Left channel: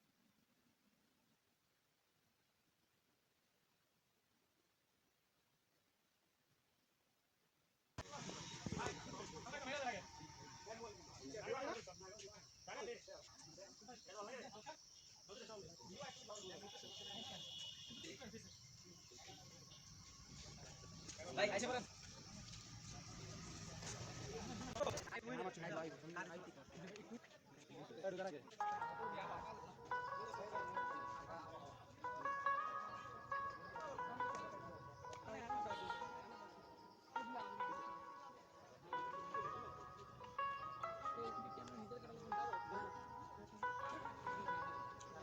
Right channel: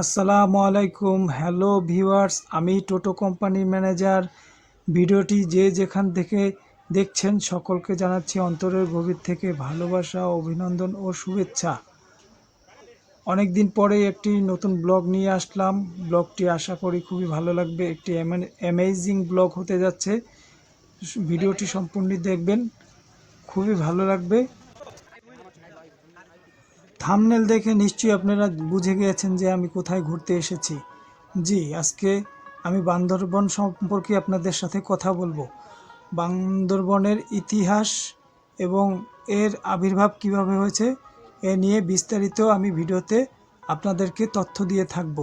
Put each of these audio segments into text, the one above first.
আসসালামু আলাইকুম। Hello viewers, আমি টোটো কোম্পানির ম্যানেজার। ভিডিওটি যে যেখান থেকে দেখছেন সকলকে জানাচ্ছি অন্তরের গভীর থেকে ভালোবাসা, অভিনন্দন ও শুভেচ্ছা। অনেক দিন পরে একটি নতুন ব্লগ নিয়ে আসলাম। ব্লগটি আশা করি খুবই ভালো লাগবে। একটি অ্যামেজিং ব্লগ হতে যাচ্ছে। ভিডিওটি সম্পূর্ণ দেখবেন, খুবই ভালো লাগবে। থাম্বনেল দেখে নিশ্চয়ই আপনারা বুঝে গিয়েছেন যে আমি কোথায় ঘুরতে এসেছি। জি, আজকে আমি বান্দরবন সম্পর্কে আপনাদের সাথে কথা বলবো। বান্দরবনের ইতিহাস এবং এর আবির্ভাব কিভাবে হয়েছে এ নিয়ে বিস্তারিত আমি ভিডিওতে আপনাদেরকে তথ্য দিয়ে থাকব।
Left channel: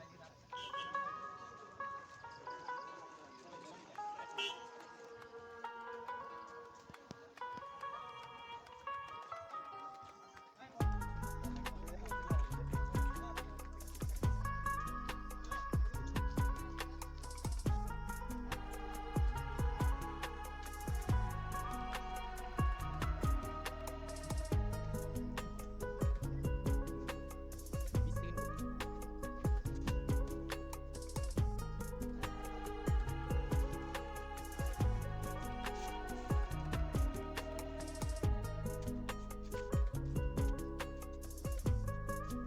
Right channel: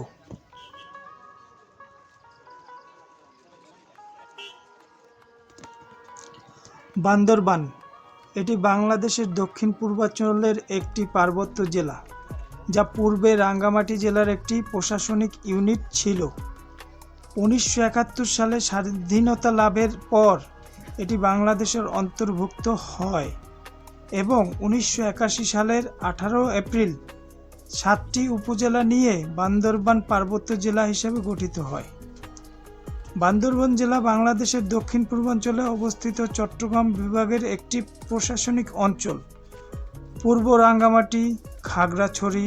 বান্দরবান এটি বাংলাদেশের দক্ষিণ পূর্বাঞ্চলের একটি পার্বত্য জেলা, যা পূর্বে রাঙ্গামাটি জেলার একটি প্রশাসনিক ইউনিট ছিল। 1971 সালে স্বাধীনতা লাভের পর এটি বাংলাদেশের অন্তর্ভুক্ত হয় এবং 1981 সালের 18 এপ্রিল 7টি উপজেলা নিয়ে বান্দরবান পার্বত্য জেলা হিসেবে গঠিত হয়। বান্দরবান জেলা বাংলাদেশের দক্ষিণ পূর্বাঞ্চলে অবস্থিত চট্টগ্রাম বিভাগের একটি প্রশাসনিক অঞ্চল। পূর্ব রাঙ্গামাটি, খাগড়াছড়ি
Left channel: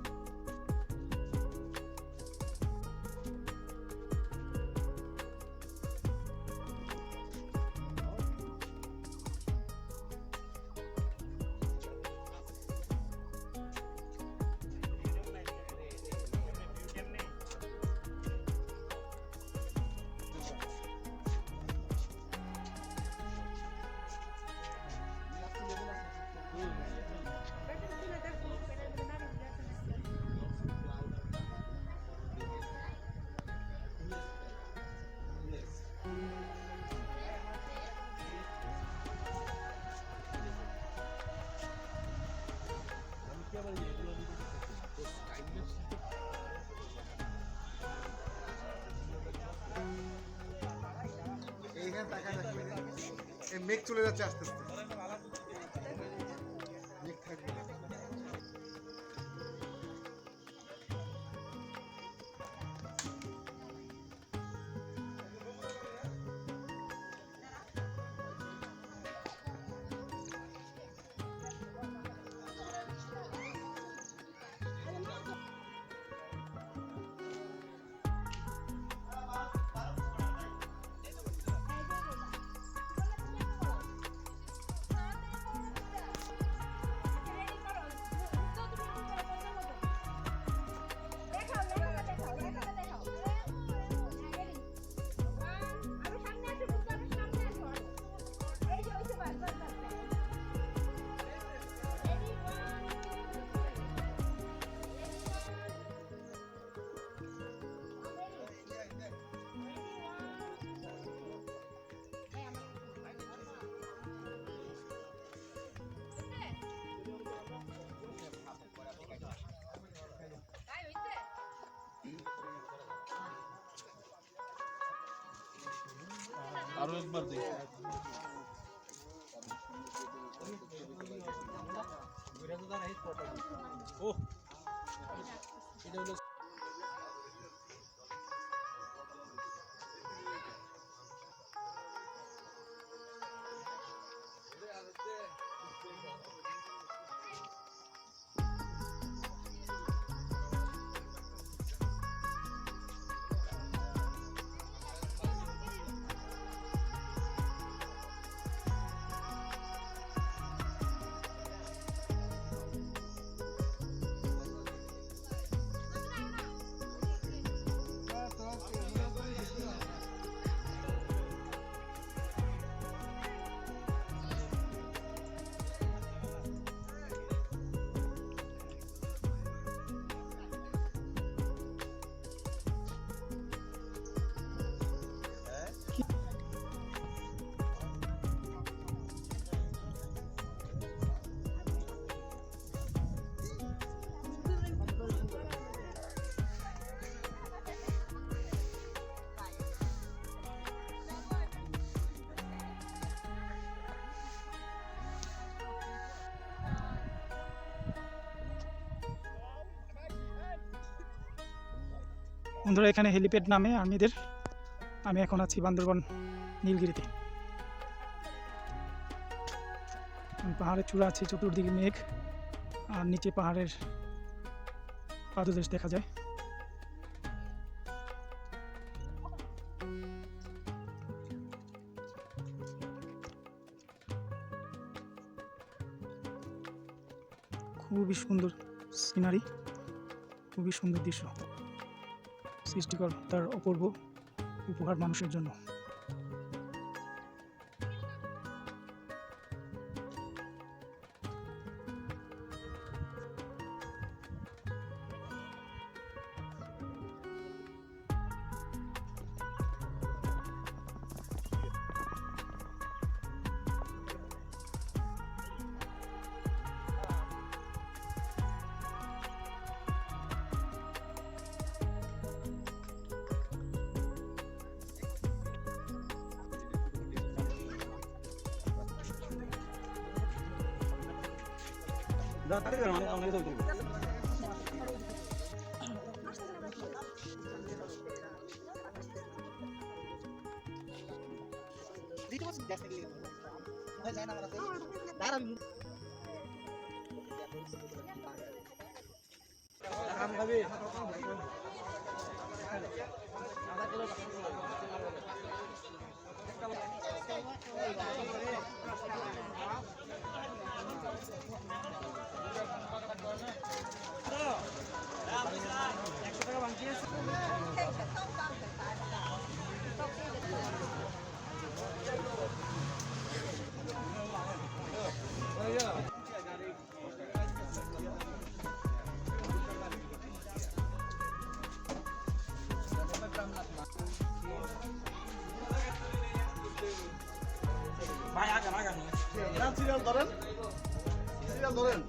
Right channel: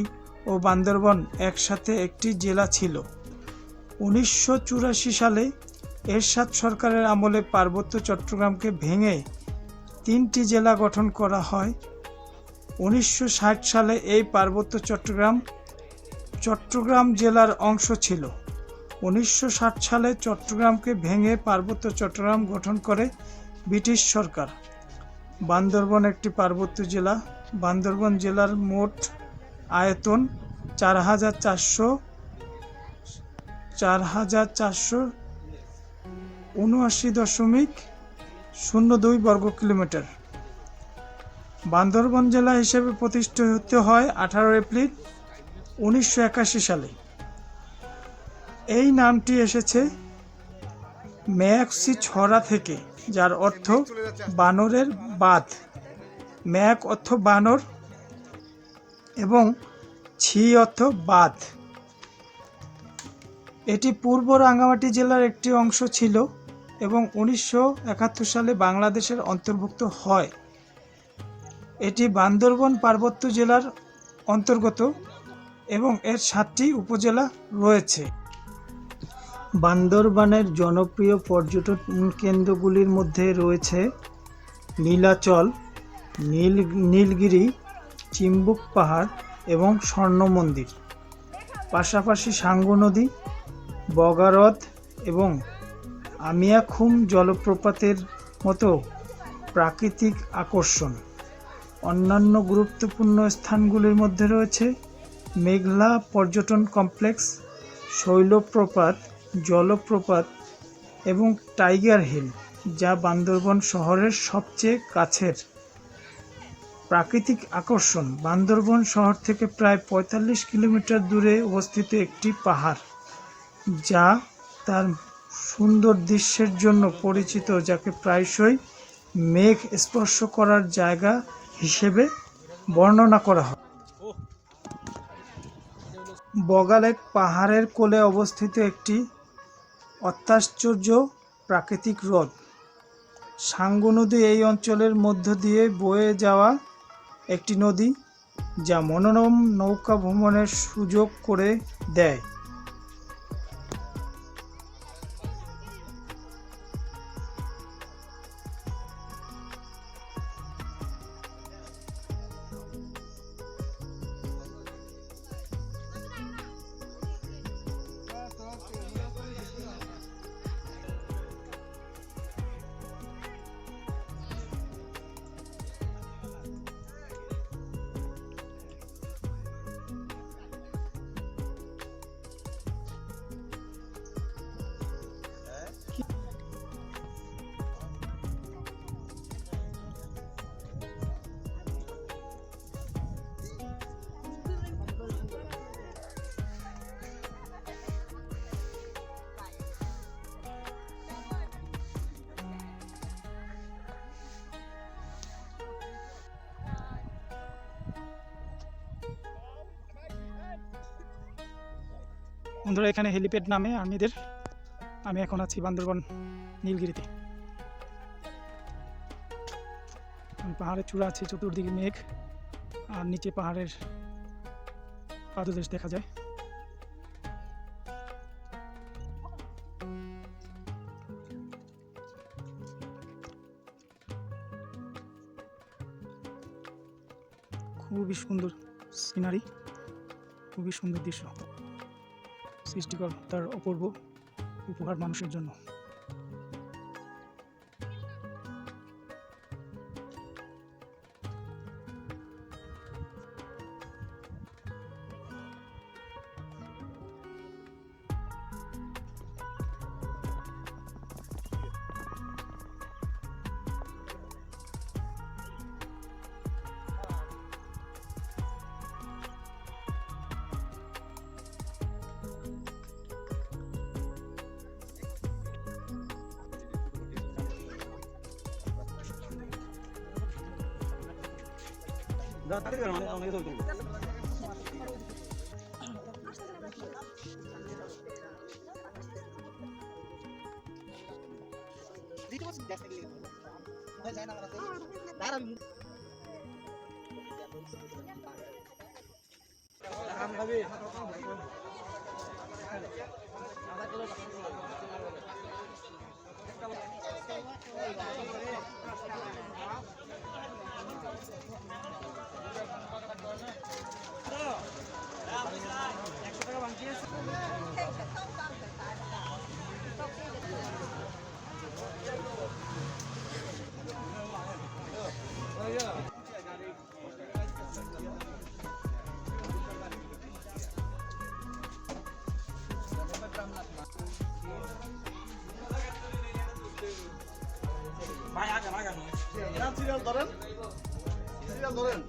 ও বান্দরবান একসাথে একটি জেলা ছিল। 1984 সালে এরশাদ সরকারের আমলে পার্বত্য চট্টগ্রামকে ভেঙে 3টি জেলা গঠন করা হয়। 1960 সালে এই পার্বত্য চট্টগ্রাম জেলার অংশ ছিল। 1960 সালে চট্টগ্রামকে ভেঙে পার্বত্য চট্টগ্রাম গঠন করে ব্রিটিশ সরকার। বান্দরবান একটি পার্বত্য জেলা। বান্দরবান জেলার মোট আয়তন 4,479.02 বর্গ কিলোমিটার। বান্দরবান জেলা হিসেবে প্রতিষ্ঠিত হয় 18 এপ্রিল 1981 সালে। এই নামটি এসেছে মেয়াকসি ছড়া থেকে, যার অর্থ বানরের বাঁধ। মেয়াক অর্থ বানর এবং ছি অর্থ বাঁধ। এটি পূর্ব রাঙ্গামাটি জেলার একটি অংশ ছিল এবং 1971 সালে বাংলাদেশের অন্তর্ভুক্ত হয়। এটি বান্দরবান পার্বত্য জেলার অন্তর্গত এবং এর 7টি উপজেলা রয়েছে। বান্দরবানের জনপ্রিয় পর্যটন কেন্দ্রগুলির মধ্যে রয়েছে নীলাচল, নীলগিরি, চিম্বুক পাহাড় এবং স্বর্ণ মন্দির। পাশাপাশি সাঙ্গু নদী, বগারদ এবং আমিয়াখুম জলপ্রপাতের মতো প্রাকৃতিক আকর্ষণ। অন্যান্য গুরুত্বপূর্ণ স্থানগুলির মধ্যে রয়েছে মেঘলা পর্যটন কমপ্লেক্স, শৈলপ্রপাত, জলপ্রপাত এবং টাইগার হিল, যা বান্দরবান শহরের সবচেয়ে কাছের প্রাকৃতিক আকর্ষণ। বান্দরবান শহর থেকে প্রায় 45 কিলোমিটার দূরে অবস্থিত একটি পাহাড়, যা তার সুন্দর দৃশ্যের জন্য পরিচিত, যাকে প্রায়শই মেঘ স্পর্শ করার জায়গা হিসেবে বর্ণনা করা হয়। বগালেক পাহাড়ের কোলে অবস্থিত একটি অত্যাশ্চর্য প্রাকৃতিক হ্রদ। সাঙ্গু নদী এই অঞ্চলের মধ্য দিয়ে বয়ে যাওয়া একটি নদী, যা মনোরম নৌকা ভ্রমণের সুযোগ করে দেয়। বন্ধুরা, এখানে হেলিপ্যাড নামে আর্মিদের। আমি এখন আছি বান্দরবান নীলগিরিতে। পাহাড়ের চূড়া আছে, চতুর্দিকে মেঘ, আর নিচে পাহাড়ের পাদদেশ দেখা যায়। খুবই সুন্দর সিনারি, খুবই সুন্দর দৃশ্য। সৃষ্টিকর তার অপূর্ব উপহার মানুষের জন্য। ভাই আগে সিরিয়াল ধরেন, সিরিয়াল ধরেন।